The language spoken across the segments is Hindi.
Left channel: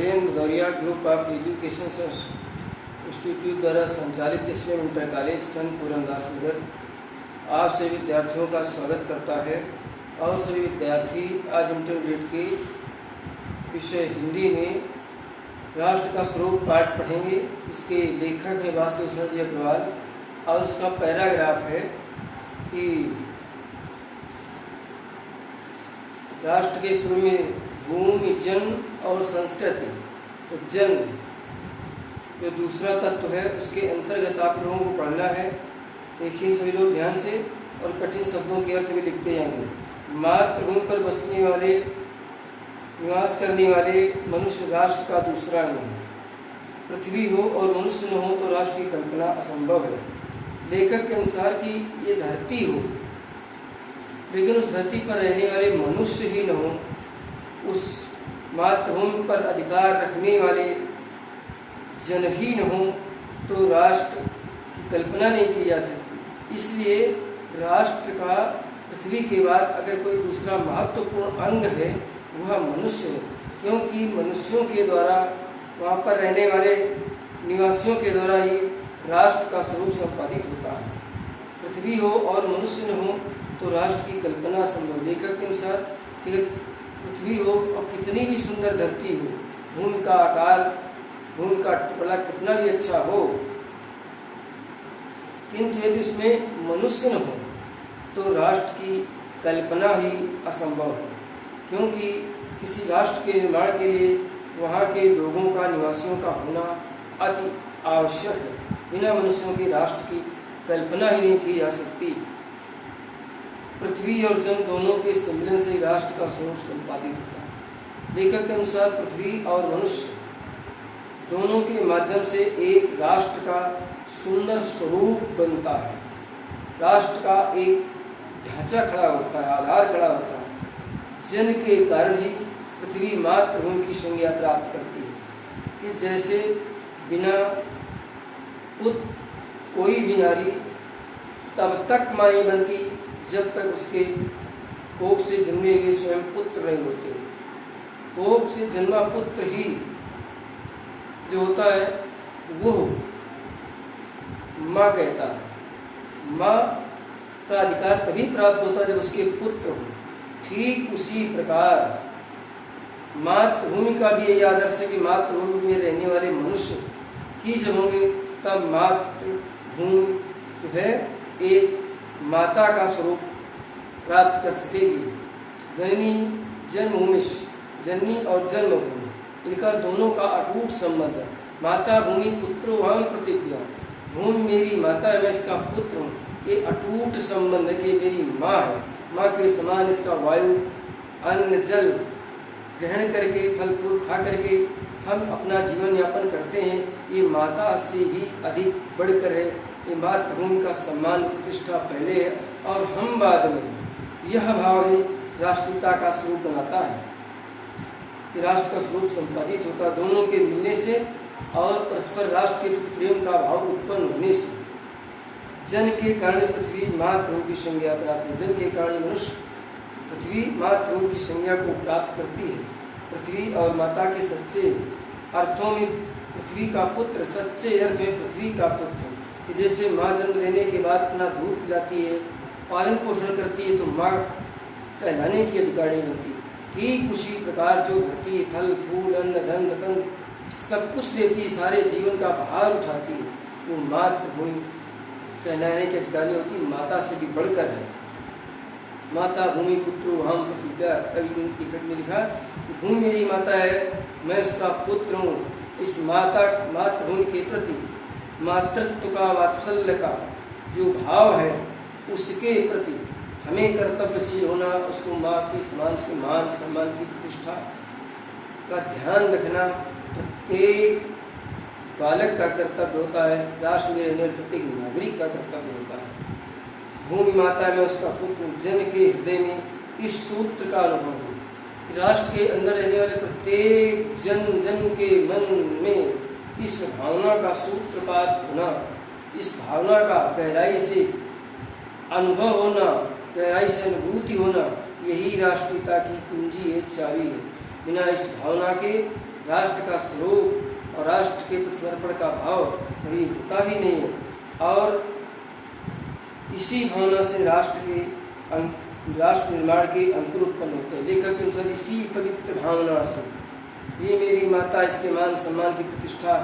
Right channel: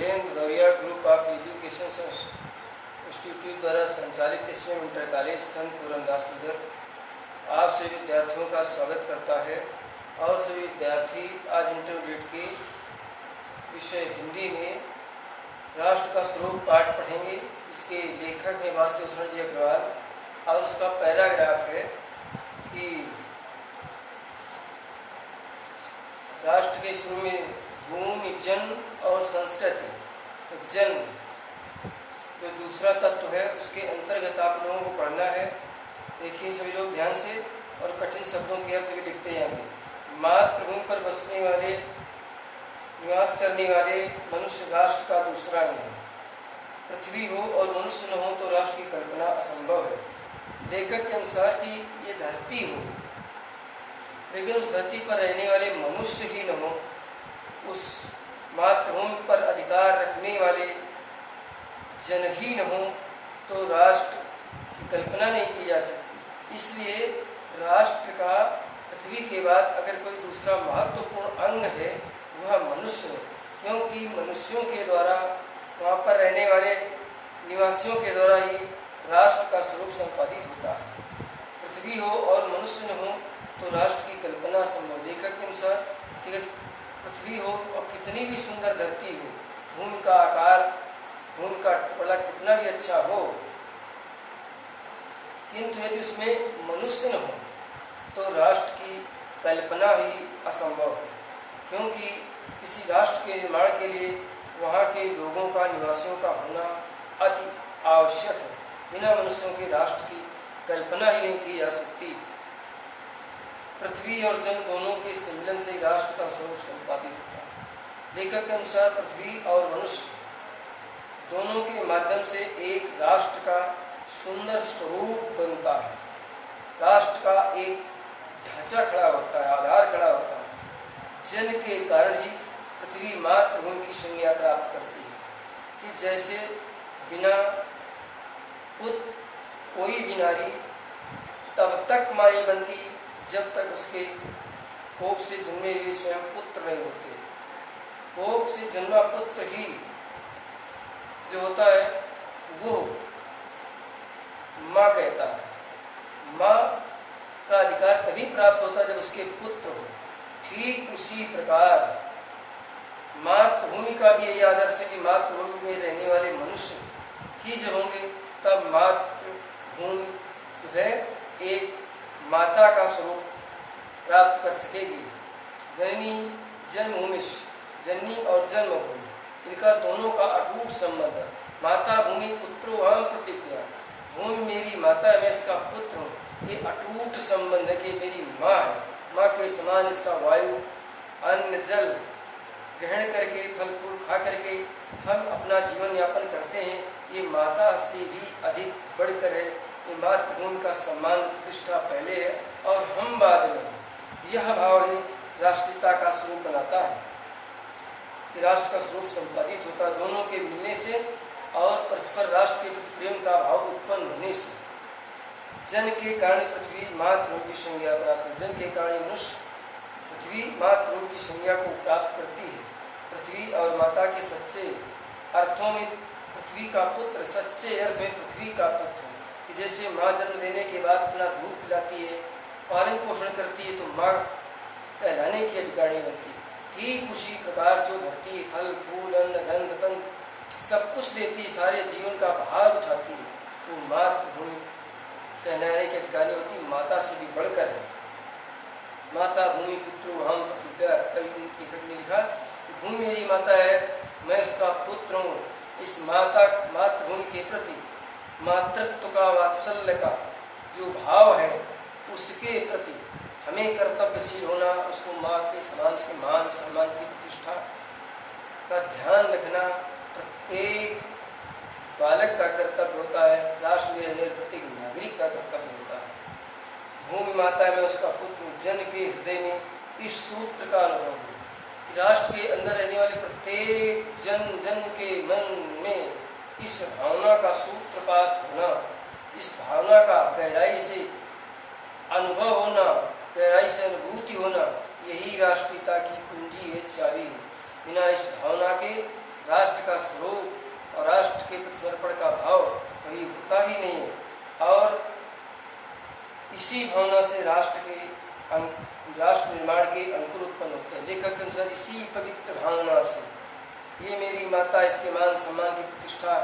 Dhirendra Bhadauria group of education institute द्वारा संचालित एसवीएम इंटर कॉलेज संत पूरनदास नगर आप सभी विद्यार्थियों का स्वागत करता है। और सभी विद्यार्थी आज इंटरमीडिएट के विषय हिंदी में राष्ट्र का स्वरूप पाठ पढ़ेंगे। इसके लेखक हैं वासुदेव जी अग्रवाल और उसका पैराग्राफ है कि राष्ट्र के शुरू में भूमि, जन और संस्कृति। तो जन जो दूसरा तत्व है उसके अंतर्गत आप लोगों को पढ़ना है। देखिए सभी लोग ध्यान से और कठिन शब्दों के अर्थ भी लिखते जाएंगे। मातृभूमि पर बसने वाले, निवास करने वाले मनुष्य राष्ट्र का दूसरा अंग है। पृथ्वी हो और मनुष्य न हो तो राष्ट्र की कल्पना असंभव है। लेखक के अनुसार कि ये धरती हो लेकिन उस धरती पर रहने वाले मनुष्य ही न हो, उस मातृभूमि पर अधिकार रखने वाले जन ही न हो तो राष्ट्र की कल्पना नहीं की जा सकती। इसलिए राष्ट्र का पृथ्वी के बाद अगर कोई दूसरा महत्वपूर्ण अंग है वह मनुष्य है, क्योंकि मनुष्यों के द्वारा, वहाँ पर रहने वाले निवासियों के द्वारा ही राष्ट्र का स्वरूप संपादित होता है। पृथ्वी हो और मनुष्य न हो तो राष्ट्र की कल्पना संभव। लेखक के अनुसार पृथ्वी हो और कितनी भी सुंदर धरती हो, भूमि का आकार, भूमि का टुकड़ा कितना भी अच्छा हो, किंतु यदि उसमें मनुष्य न हो तो राष्ट्र की कल्पना ही असंभव है। क्योंकि किसी राष्ट्र के निर्माण के लिए वहाँ के लोगों का, निवासियों का होना अति आवश्यक है। बिना मनुष्यों के राष्ट्र की कल्पना ही नहीं की जा सकती। पृथ्वी और जन दोनों के सम्मिलन से राष्ट्र का स्वरूप संपादित होता है। लेखक के अनुसार पृथ्वी और मनुष्य दोनों के माध्यम से एक राष्ट्र का सुंदर स्वरूप बनता है। राष्ट्र का एक ढांचा खड़ा होता है, आधार खड़ा होता है। जन के कारण ही पृथ्वी मातृभूमि की संज्ञा प्राप्त करती है कि जैसे बिना पुत्र कोई भी नारी तब तक मां नहीं बनती जब तक उसके कोख से जन्मे हुए स्वयं पुत्र नहीं होते। कोख से जन्मा पुत्र ही जो होता है वो माँ कहता है। माँ का अधिकार तभी प्राप्त होता है जब उसके पुत्र हो। ठीक उसी प्रकार मातृभूमि का भी यही आदर्श है कि मातृभूमि में रहने वाले मनुष्य ही जब होंगे तब मातृभूमि जो है एक माता का स्वरूप प्राप्त कर सकेगी। जननी जन्मभूमि, जननी और जन्मभूमि, इनका दोनों का अटूट संबंध है। माता भूमि पुत्रो अहम प्रतिज्ञा, भूमि मेरी माता है, मैं इसका पुत्र हूँ। ये अटूट संबंध है कि मेरी माँ है। माँ के समान इसका वायु, अन्न, जल ग्रहण करके, फल फूल खा करके हम अपना जीवन यापन करते हैं। ये माता से भी अधिक बढ़कर है। ये मातृभूमि का सम्मान, प्रतिष्ठा पहले है और हम बाद में। यह भाव ही राष्ट्रीयता का स्वरूप बनाता है कि राष्ट्र का स्वरूप संपादित होता है दोनों के मिलने से और परस्पर राष्ट्र के प्रति प्रेम का भाव उत्पन्न होने से। जन के कारण पृथ्वी मातृभूमि की संज्ञा प्राप्त है। जन के कारण मनुष्य पृथ्वी मातृभूमि की संज्ञा को प्राप्त करती है। पृथ्वी और माता के सच्चे अर्थों में पृथ्वी का पुत्र, सच्चे अर्थ में पृथ्वी का पुत्र है। जैसे माँ जन्म देने के बाद अपना दूध पिलाती है, पालन पोषण करती है, तो माँ कहलाने की अधिकारी बनती है। ठीक उसी प्रकार जो धरती है, फल फूल, अन्न, धन, रतन सब कुछ देती है, सारे जीवन का भार उठाती है, वो मातृभूमि कहलाने की अधिकारी होती, माता से भी बढ़कर है। माता भूमि पुत्रो हम प्रतिज्ञा, कवि लेखक ने लिखा कि भूमि मेरी माता है, मैं उसका पुत्र हूँ। इस मातृभूमि के प्रति मातृत्व का, वात्सल्य का जो भाव है उसके प्रति हमें कर्तव्यशील होना, उसको माँ के समान, उसके मान सम्मान की प्रतिष्ठा का ध्यान रखना प्रत्येक बालक का कर्तव्य होता है। राष्ट्र में रहने वाले प्रत्येक नागरिक का कर्तव्य होता है। भूमि माता में उसका पुत्र, जन के हृदय में इस सूत्र का अनुभव है कि राष्ट्र के अंदर रहने वाले प्रत्येक जन के मन में इस भावना का सूत्रपात होना, इस भावना का गहराई से अनुभव होना, गहराई से अनुभूति होना, यही राष्ट्रीयता की कुंजी है, चाबी है। बिना इस भावना के राष्ट्र का स्वरूप और राष्ट्र के प्रति समर्पण का भाव कभी होता ही नहीं है। और इसी भावना से राष्ट्र निर्माण के अंकुर उत्पन्न होते हैं। लेखक के अनुसार इसी पवित्र भावना से ये मेरी माता, इसके मान सम्मान की प्रतिष्ठा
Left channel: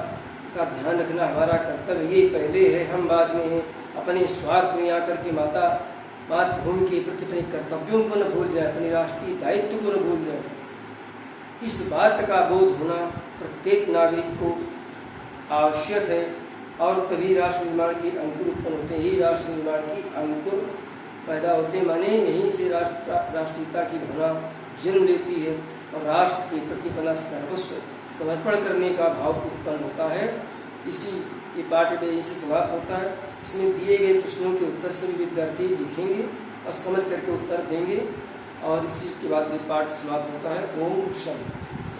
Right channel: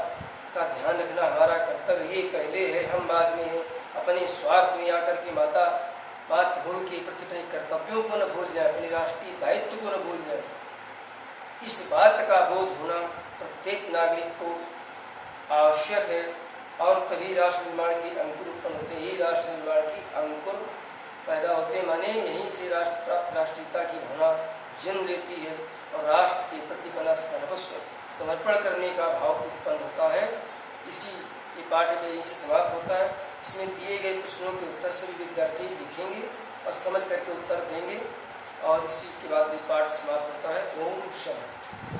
का ध्यान रखना हमारा कर्तव्य। ये पहले है, हम बाद में हैं। अपने स्वार्थ में आकर के मातृभूमि के प्रति अपने कर्तव्यों को न भूल जाए, अपने राष्ट्रीय दायित्व को न भूल जाए। इस बात का बोध होना प्रत्येक नागरिक को आवश्यक है और तभी राष्ट्र निर्माण के अंकुर उत्पन्न होते हैं। यही राष्ट्र निर्माण की अंकुर पैदा होते, माने यहीं से राष्ट्रीयता की भावना जन्म लेती है और राष्ट्र के प्रति अपना सर्वस्व समर्पण करने का भाव उत्पन्न होता है। इसी ये पाठ में इसे समाप्त होता है। इसमें दिए गए प्रश्नों के उत्तर सभी विद्यार्थी लिखेंगे और समझ करके उत्तर देंगे और इसी के बाद भी पाठ समाप्त होता है। ओम शांति।